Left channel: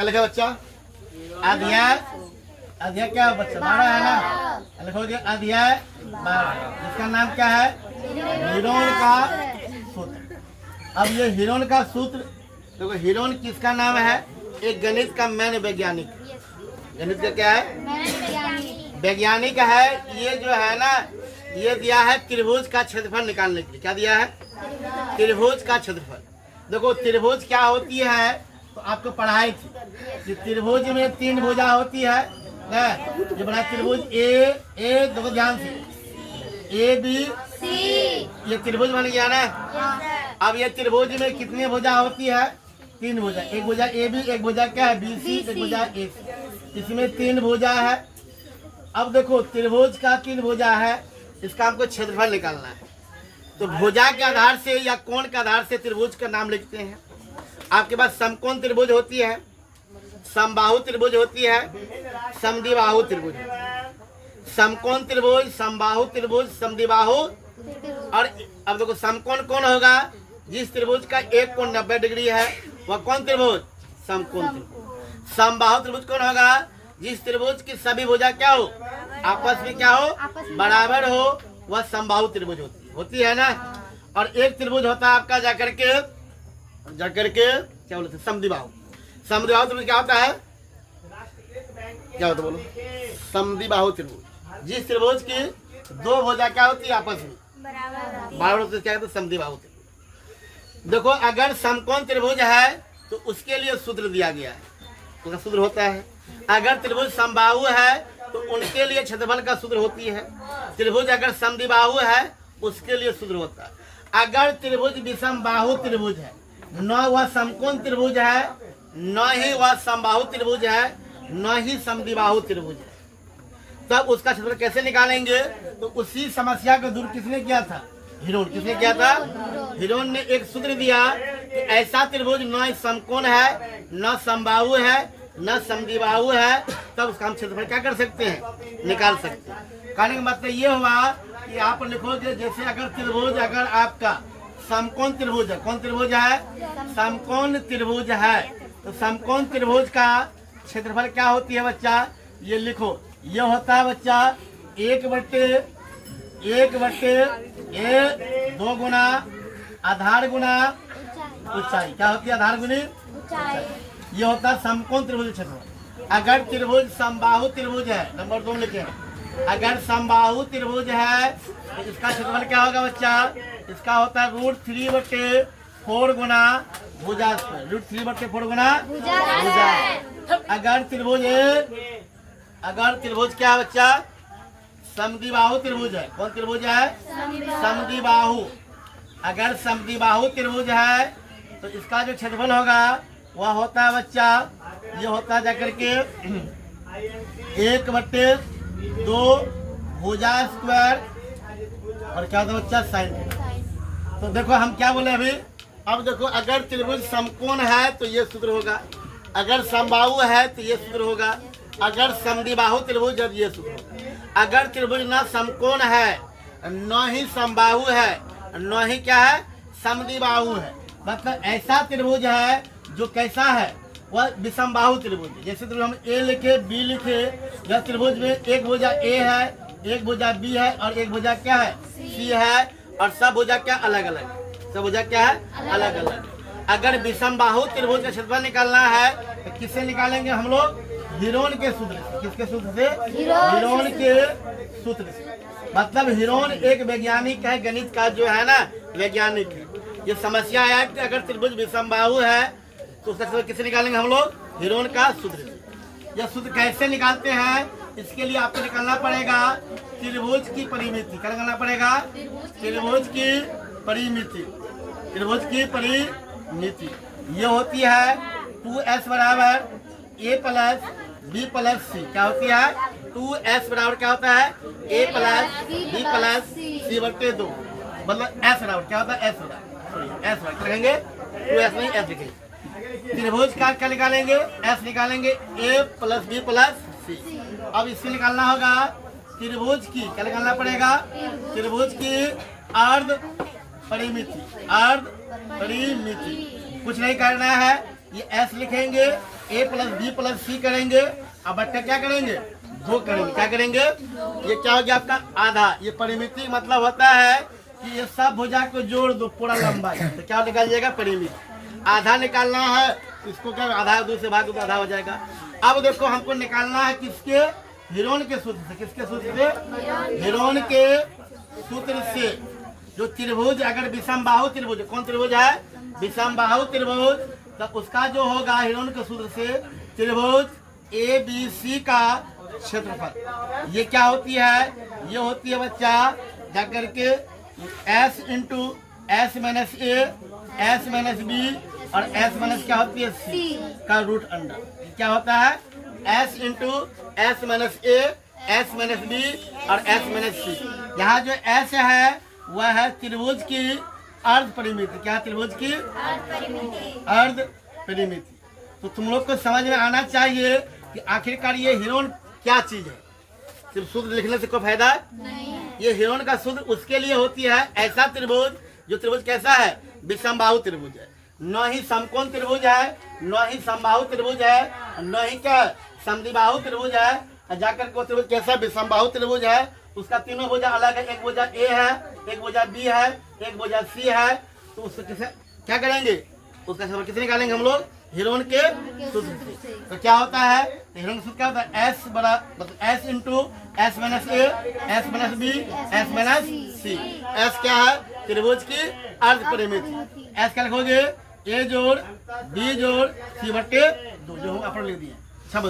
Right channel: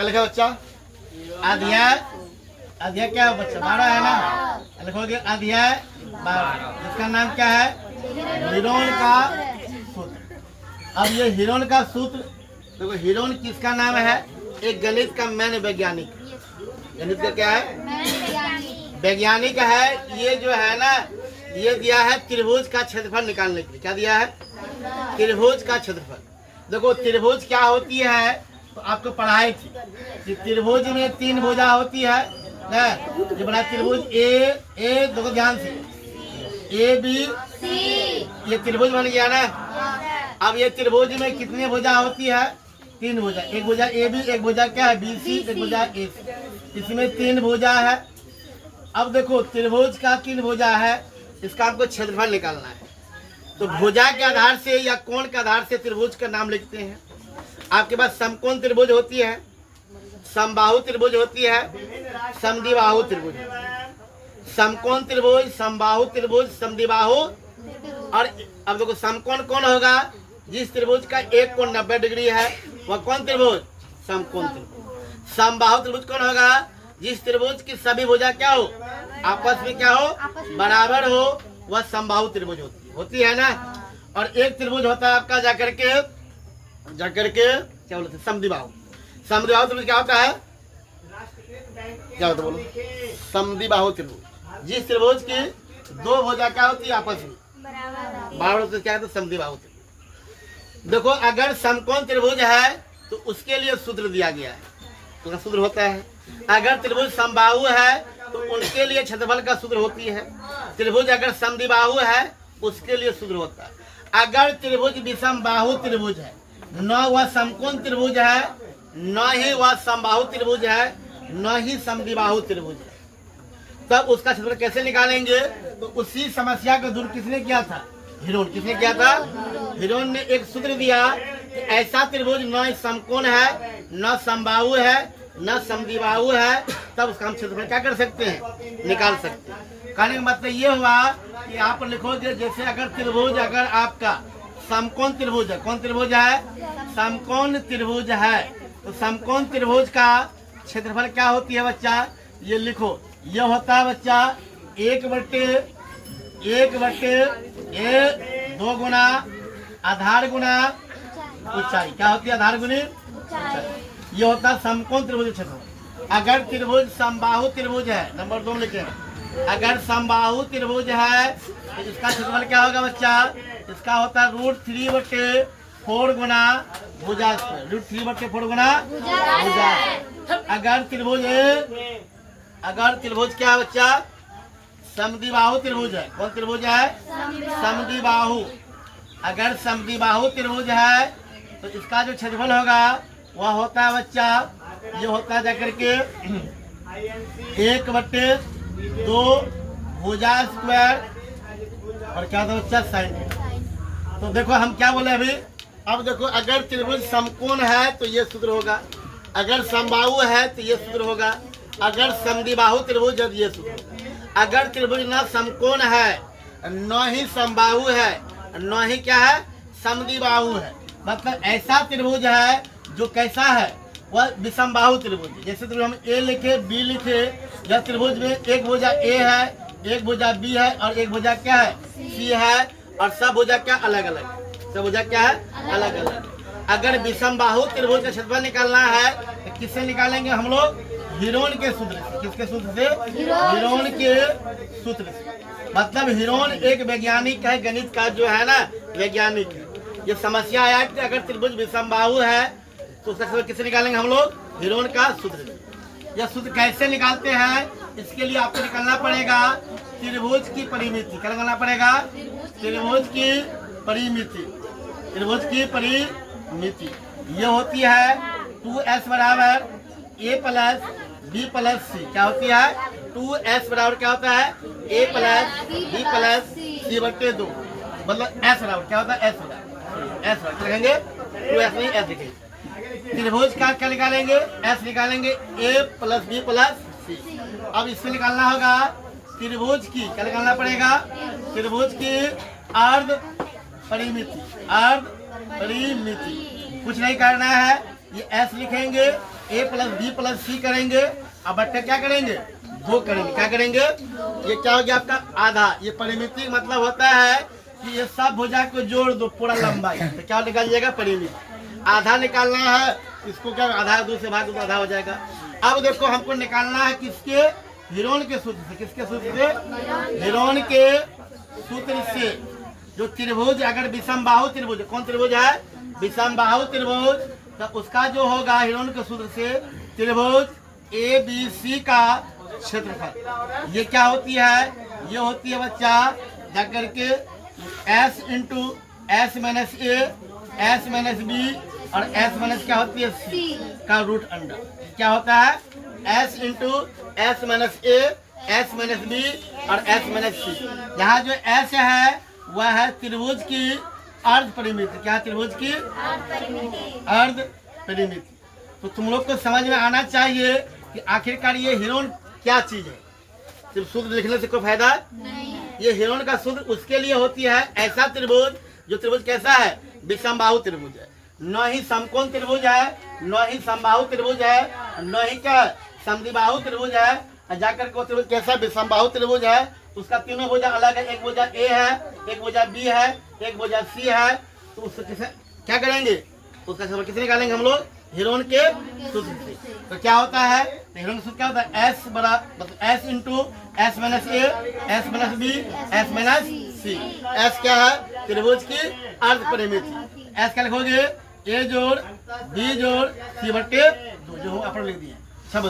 क्या लिखा बच्चा? अध्याय, अध्याय क्या है बच्चा? 12 है ना, लिखोगे अध्याय 12, जिसका नाम क्या है? हिरोन का सूत्र। अब ये हिरोन का सूत्र देखो, हिरोन किसका नाम है? एक गणित का मैन वैज्ञानिक, गणित का क्या है? वैज्ञानिक है। ये जो है ना, ये दिया है त्रिभुज का क्षेत्रफल निकालने के लिए। क्या दिया है? त्रिभुज का क्षेत्रफल। देखो त्रिभुज क्या होती है, तो आपको पढ़ाई थी कि त्रिभुज में 3 भुजा होती है ना। ये बड़ा त्रिभुज ए देखो ध्यान से, AB ये त्रिभुज बन गया ना। अब ये त्रिभुज में कितनी भुजा होती है? 3 भुजा। एक भुजा AB, एक भुजा क्या है? BC, एक भुजा AC। इसमें 3 भुजा है। अब देखो त्रिभुज का 3 भुजा है, इसका आपको क्षेत्रफल निकालना है। तो भुजा के आधार से या कोण के आधार से त्रिभुज का नाम लिखते हैं। आपके पास समकोण त्रिभुज होती है, समबाहु त्रिभुज होती है, समद्विबाहु त्रिभुज। समकोण त्रिभुज, समबाहु त्रिभुज, समद्विबाहु। और अब देखो समकोण कौन होगा? जिस त्रिभुज का एक कोण 90 डिग्री है वह कौन त्रिभुज? समकोण त्रिभुज। समबाहु त्रिभुज कौन होगा? जिस त्रिभुज की सभी भुजा क्या हो? आपस में क्या हो? बराबर हो, वह समबाहु त्रिभुज होती है ना। और एक त्रिभुज होता है आपका जाकर के क्या बोलते हैं? समद्विबाहु। समद्विबाहु त्रिभुज क्या होता है? क्या होता है बोलो? समद्विबाहु त्रिभुज। जिस त्रिभुज की 2 भुजा क्या होती है? आपस में बराबर होती है। क्या होता है? समद्विबाहु त्रिभुज। देखो अगर समकोण त्रिभुज है तो उसके लिए सूत्र दिया गया है, तो सूत्र होता है। अगर त्रिभुज समबाहु है तो उनके लिए क्षेत्रफल का सूत्र होती है। त्रिभुज अगर समद्विबाहु है उसके लिए सूत्र होता है। अगर त्रिभुज विषमबाहु त्रिभुज है, न वह समकोण त्रिभुज है, न ही वह समबाहु त्रिभुज है, न ही समद्विबाहु त्रिभुज है, तब उसका क्षेत्रफल कैसे निकालेंगे? तो उसी समस्या को दूर किसने किया था? हिरोन। किसने किया था? हिरोन ने एक सूत्र दिया कि ऐसा त्रिभुज न समकोण है, न समबाहु है, न समद्विबाहु है, तब उसका हम क्षेत्रफल क्या कर सकते हैं? निकाल सकते हैं। कहने का मतलब ये हुआ कि आप लिखोगे जैसे अगर त्रिभुज, अगर आपका समकोण त्रिभुज है, कौन त्रिभुज है? समकोण त्रिभुज है, तो समकोण त्रिभुज का क्षेत्रफल क्या होती है बच्चा? ये लिखो, ये होता है बच्चा 1/2 गुना आधार गुना ऊंचाई। क्या होती है? आधार गुनी ऊंचाई। ये होता है समकोण त्रिभुज क्षेत्रफल। अगर त्रिभुज समबाहु त्रिभुज है, नंबर 2 लिखे, अगर समबाहु त्रिभुज है तो इसका क्षेत्रफल क्या होगा बच्चा? इसका होता है √3/4 गुना भुजा स्क्वायर। √3/4 गुना भुजा। अगर त्रिभुज क्या है बच्चा? समद्विबाहु त्रिभुज है। कौन त्रिभुज है? समद्विबाहु। अगर समद्विबाहु त्रिभुज है तो इसका जो क्षेत्रफल होगा वह होता है बच्चा, ये होता है जाकर के 1/2 भुजा स्क्वायर और क्या होता है बच्चा? साइन। तो देखो हम क्या बोले अभी। अब देखो अगर त्रिभुज समकोण है तो ये सूत्र होगा, अगर समबाहु है तो ये सूत्र होगा, अगर समद्विबाहु त्रिभुज है तो ये सूत्र होगा। अगर त्रिभुज न समकोण है, न ही समबाहु है, न ही क्या है? समद्विबाहु है, मतलब ऐसा त्रिभुज है जो कैसा है? वह विषमबाहु त्रिभुज है। जैसे त्रिभुज हम A लिखे, B लिखे, या त्रिभुज में एक भुजा A है, एक भुजा B है और एक भुजा क्या है? C है, और सब भुजा क्या? अलग अलग। सब भुजा क्या है? अलग अलग। अगर विषमबाहु त्रिभुज का क्षेत्रफल निकालना है तो किससे निकालेंगे हम लोग? हिरोन के सूत्र से। किसके सूत्र से? हिरोन के सूत्र से। मतलब हिरोन एक वैज्ञानिक है, गणित का जो है ना वैज्ञानिक है। ये समस्या आया कि अगर त्रिभुज विषमबाहु है तो उसका सूत्र किससे निकालेंगे हम लोग? हिरोन का सूत्र से। यह सूत्र कैसे निकालते हैं? इसके लिए आपको निकालना पड़ेगा त्रिभुज की परिमिति। क्या निकालना पड़ेगा? त्रिभुज की परिमिति। त्रिभुज की परिमिति ये होती है 2s बराबर a plus b plus c। क्या होती है? 2s बराबर क्या होता है? a plus b plus c/2। मतलब s बराबर क्या होता है? s बराबर लिखेंगे 2s नहीं s लिखेंगे। त्रिभुज का क्या निकालेंगे? s निकालेंगे a plus b plus c। अब इससे निकालना होगा त्रिभुज की, क्या निकालना पड़ेगा? त्रिभुज की अर्ध परिमिति। अर्ध परिमिति कुछ नहीं करना है, ये s लिखेंगे ए प्लस बी प्लस सी करेंगे, अब बट्टा क्या करेंगे 2 करेंगे। क्या करेंगे, ये क्या हो गया आपका आधा। ये परिमिति मतलब होता है कि ये सब भुजा को जोड़ दो पूरा लंबाई, तो क्या निकाल जाएगा परिमिति। आधा निकालना है, इसको क्या आधा 2 से भाग दो तो आधा हो जाएगा। अब देखो हमको निकालना है किसके, हिरोन के सूत्र से। किसके सूत्र से, हिरोन के सूत्र से। जो त्रिभुज अगर विषमबाहु त्रिभुज, कौन त्रिभुज है विषमबाहु त्रिभुज, तो उसका जो होगा हिरोन के सूत्र से त्रिभुज ABC का क्षेत्रफल। ये क्या होती है, ये होती है बच्चा जाकर के S into S minus A, S minus B और S माइनस क्या होती है C का रूट अंडर। क्या होता है S into S minus A, S minus B और S माइनस C। यहाँ जो S है वह है त्रिभुज की अर्ध परिमिति। क्या त्रिभुज की अर्ध परिमिति। तो तुम लोग को समझ में आना चाहिए कि आखिरकार ये हिरोन क्या चीज है। सिर्फ सूत्र लिखने से कोई फायदा नहीं। ये हिरोन का सूत्र उसके लिए होती है ऐसा त्रिभुज, जो त्रिभुज कैसा है विषमबाहु त्रिभुज है, न ही समकोण त्रिभुज है, न ही समबाहु त्रिभुज है, न ही क्या समद्विबाहु त्रिभुज है। जाकर के त्रिभुज कैसा विषमबाहु त्रिभुज है, उसका तीनों भुजा अलग है। एक भुजा A है, एक भुजा B है, एक भुजा C है। तो उससे किसे क्या करेंगे, उसका क्षेत्रफल कितने निकालेंगे हम लोग हिरोन के सूत्र से। तो क्या होता है, तो हिरोन का सूत्र क्या होता है S मतलब S into S minus A, S minus B, S minus C। S क्या है त्रिभुज की अर्ध परिमिति। S क्या लिखोगे A जोड़ B जोड़ C बटे 2, जो हम अपन लिख दिए सब।